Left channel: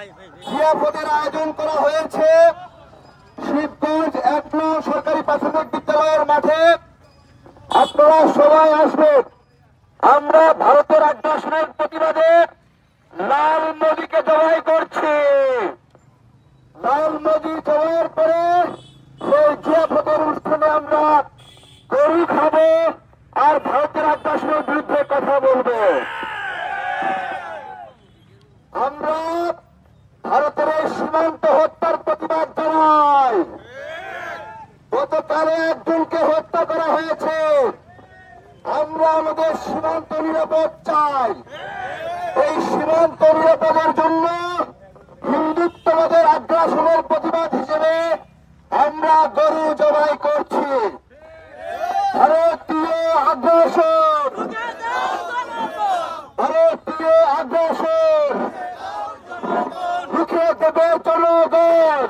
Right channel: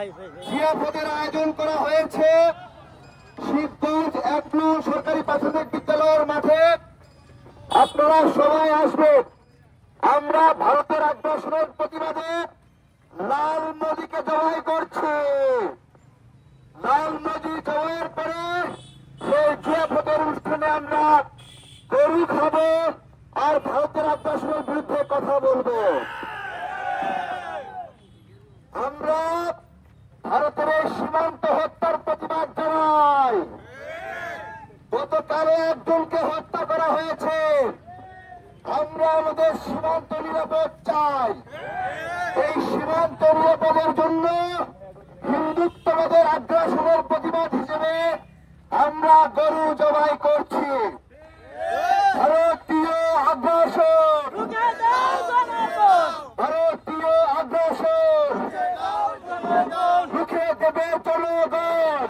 আজকে জিয়াপদের আয়োজন করা হয়েছে শিবগঞ্জ ১ নং সরকারি প্রাথমিক বিদ্যালয়ের মাঠে। আপনারা সবাই আসবেন। আমরা ভারতের আগ্রাসনের প্রতিবাদে লাল নদীকে জবাই করছি। লাল নদী জবাইয়ের পরে সেই জিয়াপদের অনুষ্ঠানে আমরা গরু খাবো আর ভারতের আগ্রাসনের বিরুদ্ধে কথা বলবো। আমরা ভারতের এই সীমান্ত হত্যার প্রতিবাদ জানাই। গতকালে একজনকে হত্যা করা হয়েছে। আমরা আমাদের সীমান্ত নিরাপদ চাই। এই সীমান্ত নিরাপদের জন্য হিন্দুত্ববাদের আগ্রাসনের প্রতিবাদ হিসেবে আমরা গরু জবাই করছি। ভারতীয় আগ্রাসন, ভারতীয় আগ্রাসন রুখে দেবে জনগণ।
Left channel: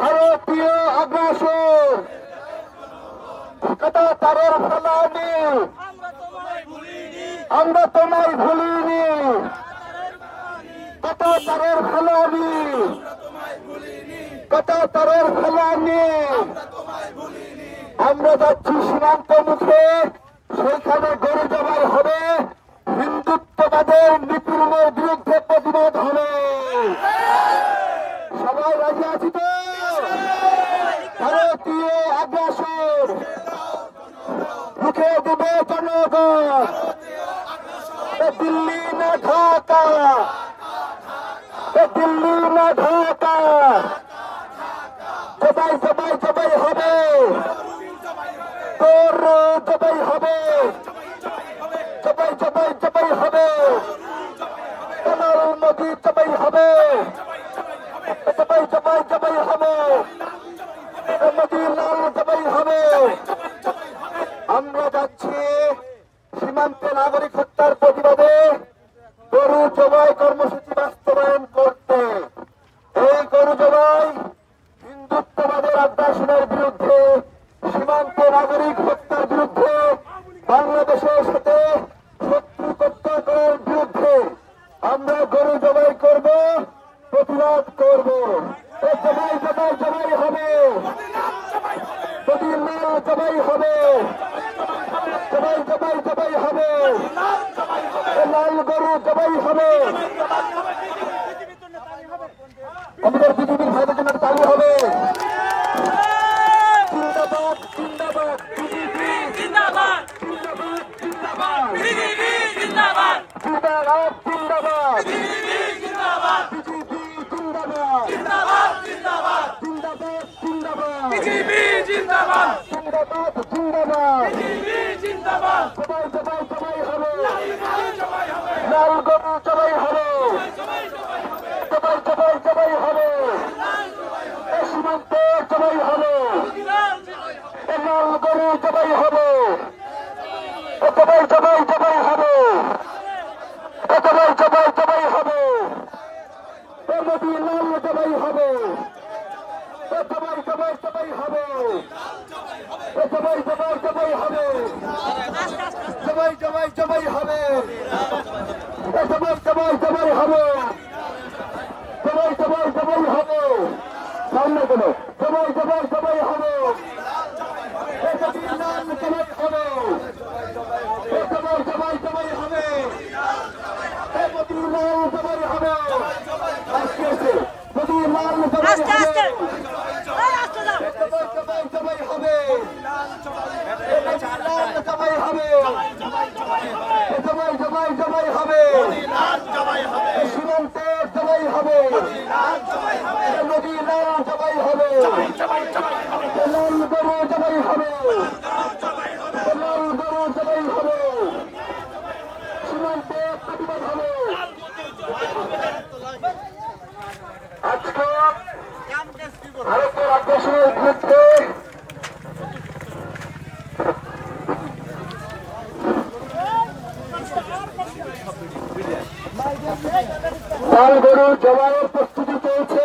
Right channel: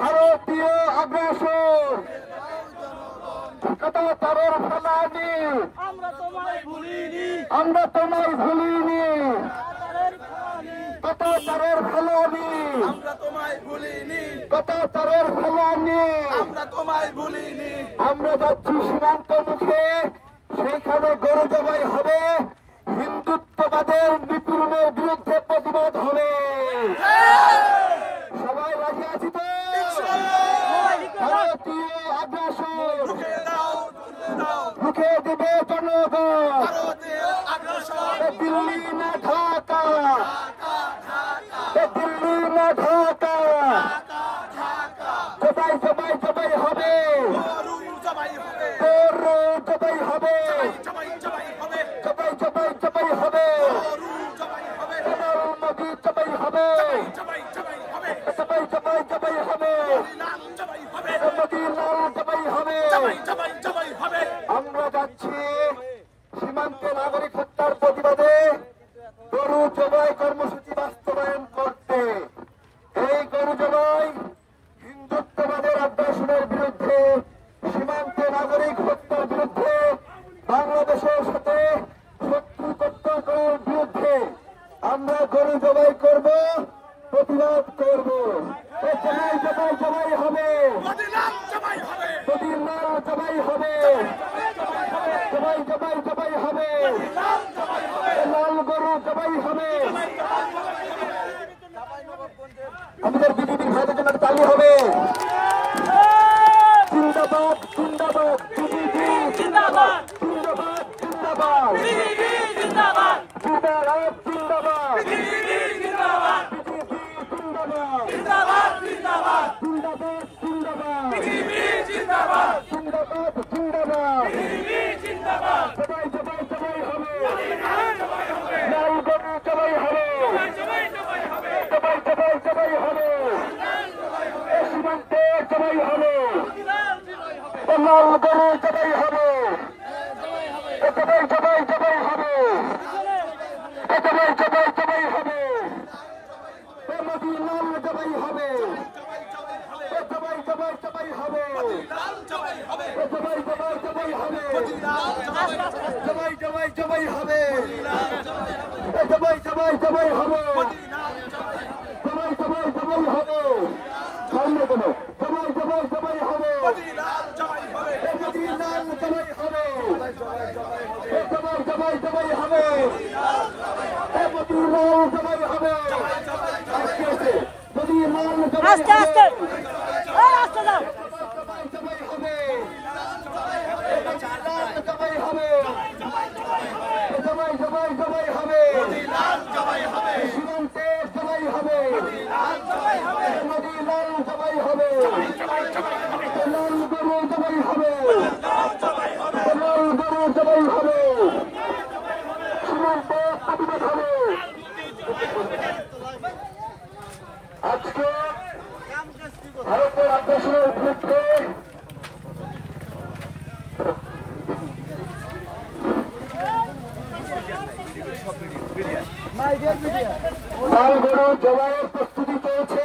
ভারতীয় আগ্রাসন তারের ফলানি, আমরা তোমায় ভুলিনি। তারের ফলানি, তারের ফলানি, আমরা যাচ্ছি সীমান্ত মুখে। সেইখানে গরু জবাই হবে, হিন্দুত্ববাদের নিপীড়নের বিরুদ্ধে প্রতিবাদ হবে। সবাই রাজি আছি তো? ভারতীয় আগ্রাসন রুখে দেবে জনগণ। দিল্লি না ঢাকা, দিল্লি না ঢাকা, জবাই জবাই জবাই হবে, তোর জবাই হবে, জবাই জবাই জবাই হবে, লাল নদী জবাই হবে, জবাই জবাই জবাই হবে, নদী লাল জবাই হবে। আমরা যাচ্ছি সীমান্তে নাগরিক হত্যার প্রতিবাদে গরু জবাই কর্মসূচি বাস্তবায়ন করতে। এই গরু জবাই হিন্দুত্ববাদের আগ্রাসনের বিরুদ্ধে, সীমান্তে নাগরিক হত্যার বিরুদ্ধে, বাংলাদেশের সাথে শত্রুপক্ষ করার বিরুদ্ধে আমরা গরু জবাই করব, প্রতিবাদ করব। জবাই জবাই জবাই হবে, নদীর লাল জবাই হবে, জবাই জবাই জবাই হবে, লাল গরু জবাই হবে। আমাদের বিজেপির ভাইদের জন্য তালি হবে। জিন্দাবাদ জিন্দাবাদ বিজেপি, জিন্দাবাদ জিন্দাবাদ জিন্দাবাদ বিজেপি, জিন্দাবাদ জিন্দাবাদ জিন্দাবাদ বিজেপি, জিন্দাবাদ বিজেপি, জিন্দাবাদ জিন্দাবাদ জিন্দাবাদ জিন্দাবাদ জিন্দাবাদ বিজেপি, জিন্দাবাদ জিন্দাবাদ জিন্দাবাদ বিজেপি, জিন্দাবাদ। সবাই সবাই সবাই হবে, লাল গরু সবাই হবে, সবাই সবাই সবাই হবে, সীমান্তে সবাই হবে, লাল গরু সবাই হবে, সবাই সবাই সবাই হবে, সবাই সবাই সবাই হবে, নদী লাল সবাই হবে, সবাই সবাই সবাই হবে, সবাই সবাই সবাই হবে, সবাই সবাই সবাই হবে, সবাই সবাই সবাই হবে, সবাই সবাই সবাই হবে, সামনে কোনো সবাই সবাই সবাই হবে, নদী লাল সবাই হবে, সবাই সবাই সবাই হবে, নদী লাল সবাই হবে, নদী লাল আস্তে আস্তে আস্তে যাও, সবাই সবাই হবে, সবাই হবে, সবাই সবাই সবাই হবে, সীমান্তে সবাই হবে, নদী লাল সবাই হবে, লাল গরু সবাই হবে, লাল গরু সবাই হবে, সীমান্তে প্রতিবাদ হবে। আজকে ভারতের আগ্রাসনের বিরুদ্ধে লাল গরু জবাইয়ের প্রস্তুতি চলছে।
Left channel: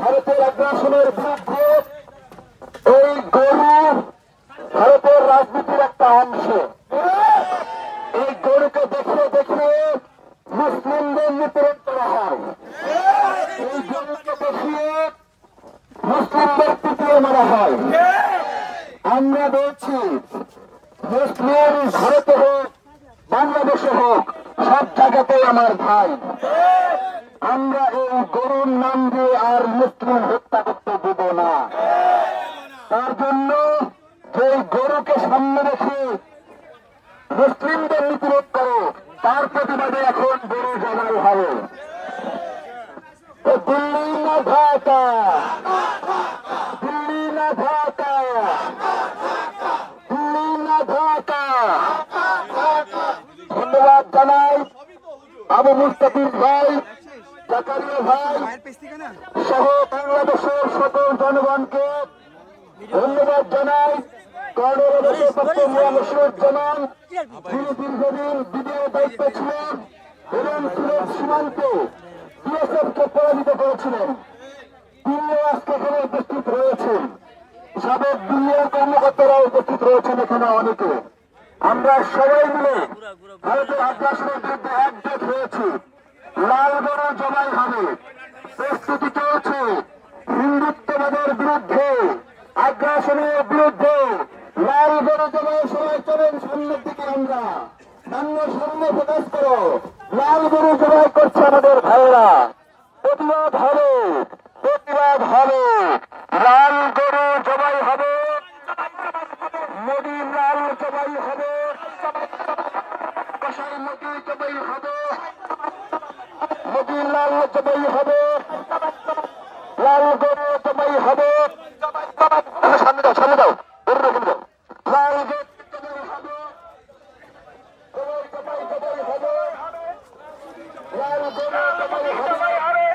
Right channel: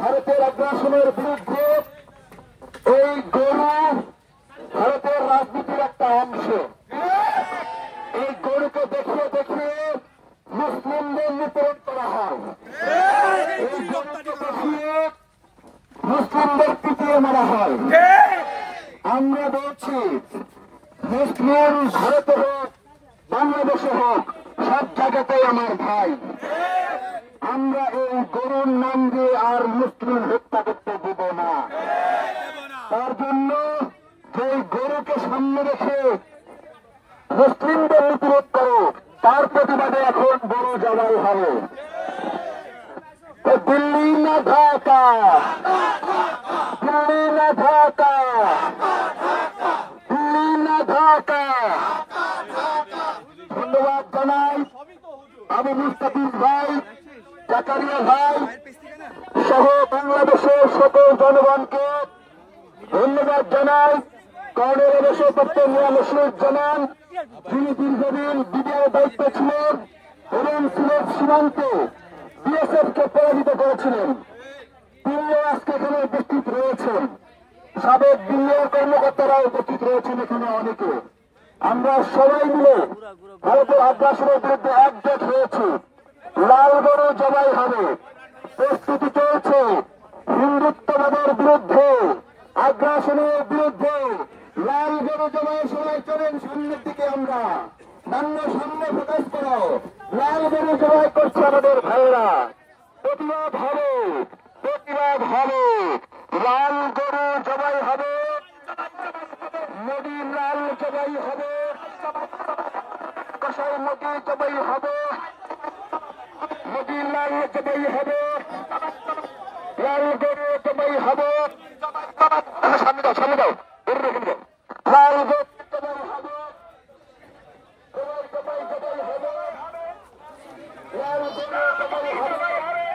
ভারতের আগ্রাসনের বিরুদ্ধে এই গরু ভারতের রাজনীতির একটা অংশ। এই গরুকে দেখিয়ে দেখিয়ে মুসলিমদের নিপীড়ন করা হয়। এই গরুকে দেখিয়ে মুসলিমদের পিটিয়ে মারা হয়। আমরা বলছি মুসলিম ভারতে হোক বাংলাদেশে হোক সব জায়গাতেই আমার ভাই। আমরা এই গরুর নাম দিয়ে আর মুসলিম হত্যা করতে দেব না। তার জন্য যে গরুকে সামনে রেখে মুসলিমদের নিপীড়ন করে তার প্রতিবাদে এখন গরু জবাই হবে। দিল্লি না ঢাকা, দিল্লি না ঢাকা, দিল্লি না ঢাকা। ধন্যবাদ জানাই আবু মুস্তাফিজ ভাই, জাকারিয়া ভাই সহ বাংলাদেশের সকল জনগণকে ধন্যবাদ জানাই। কর্নেল রশিদুজ্জামান যিনি দীর্ঘদিন বিডিআর দায়িত্বে ছিলেন এবং সিলেট সীমান্তে বিএসএফ কে পরাজিত করেছিলেন, তারাও আজকে এখানে উপস্থিত রয়েছেন। সাবেক দিল্লির কর্মকর্তারা উপস্থিত রয়েছেন এখানে অনেকে। আমরা সবাই মিলে ভারতের আগ্রাসনের বিরুদ্ধে একজোট হয়েছি। লাল গরু জবাই হবে, প্রস্তুতি চলছে। হিন্দুত্ববাদের বিরুদ্ধে, আগ্রাসনের বিরুদ্ধে লাল গরু জবাই। সবাই চলেন সামনের দিকে, আমরা সামনে প্রকাশ করো। লাল গরু জবাই করছে আমাদের ভাইয়েরা। প্রতিবাদ হবে, প্রতিবাদ হবে। লাল গরু জবাই হবে, মোদির লাল জবাই হবে, কসাই মোদি জবাই হবে, মোদির লাল জবাই হবে, লাল গরু জবাই হবে। সামনে দাও, সামনে দাও, গরু রেখে দাও। লাল গরু জবাই হবে, গরু জবাই জবাই হবে, লাল গরু জবাই হবে।